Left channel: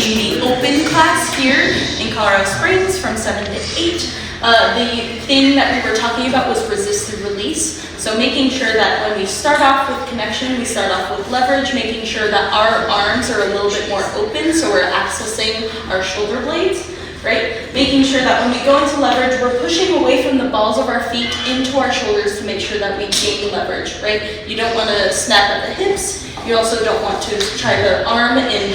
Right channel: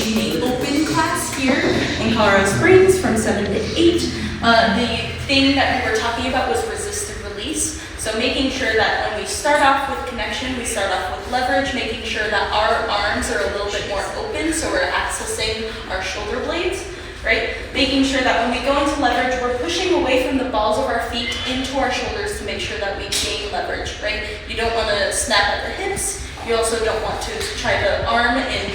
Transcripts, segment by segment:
teaching the open class here in Colorado Springs from 7 to 8. The thing that we were talking about was resisted release. So making sure that when we start off with connection, we start off with leverage, making sure that our arms are a little bit more open so we're accessing our shoulder blades, right? Making sure that when we go into leverage, we're pushing away from the balls of our feet into our shoulders to make sure that we gain leverage, right? You don't want to snap at the hips. You also don't want to try to arm and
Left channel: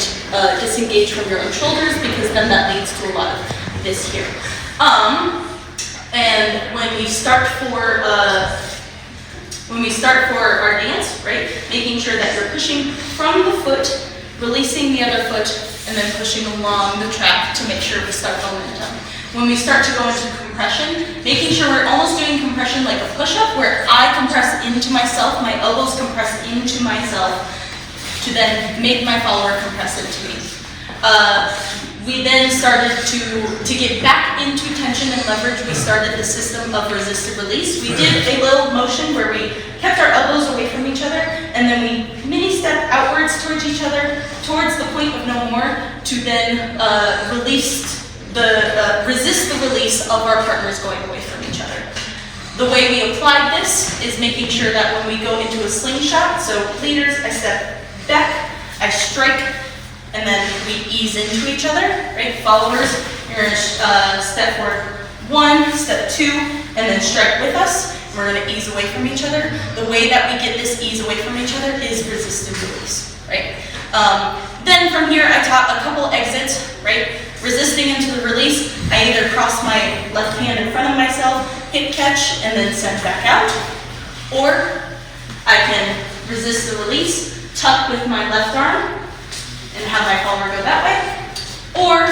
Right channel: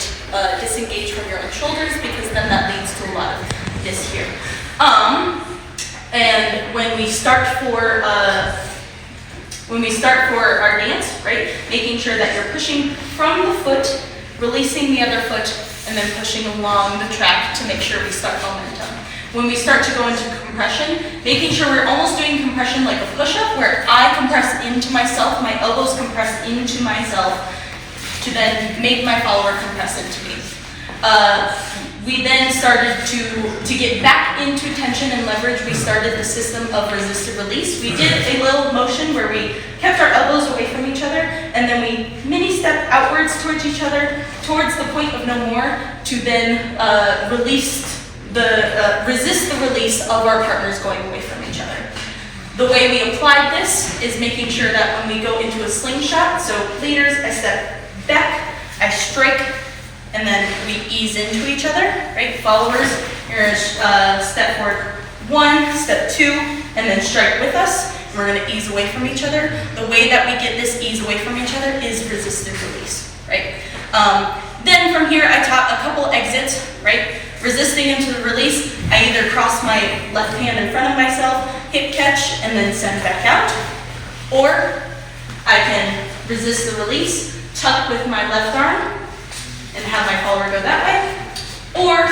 disengage from your own shoulders, because then that leads to a lot of this here. And when we start for our dance, right, making sure that you're pushing from the foot, releasing the other foot, and then pushing along the track to make sure we start momentum. When we start to go into compression, making sure we're almost doing compression like a push-up, where I compress into myself, my elbows compress into myself, to then make my follower compress into me. We then started to get back into tension and leverage. We started the system of resisted release. We did a little motion where we kept our elbows away from each other, and then we mini step outwards towards each other, towards the point of no more, to then resist the release of our partners going away from each other. The way we applied this is making sure that when we go into a slingshot, so leaders, I step back, I strike, and then we ease into each other, right? Followers, you're gonna step forward 1, step 2, and then strike with us. And we're gonna ease away from each other. The way that we get this ease away from each other is resisted release, right? Then from here, I taught a couple exits, right? Resisting into the release, I either cross my left hand in front of myself, hip catch, and then send back out, or I can resist the release, tuck with my left arm, and have my follower go that way, or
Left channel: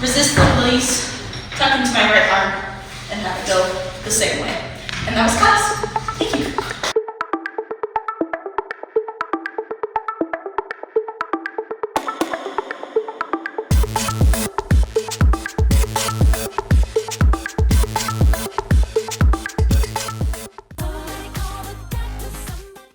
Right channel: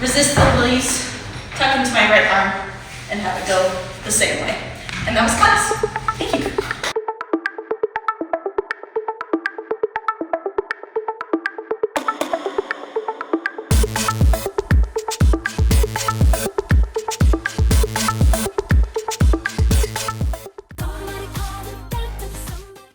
resist the release, tuck into my right arm, and have it go the same way. And that was class. Thank you.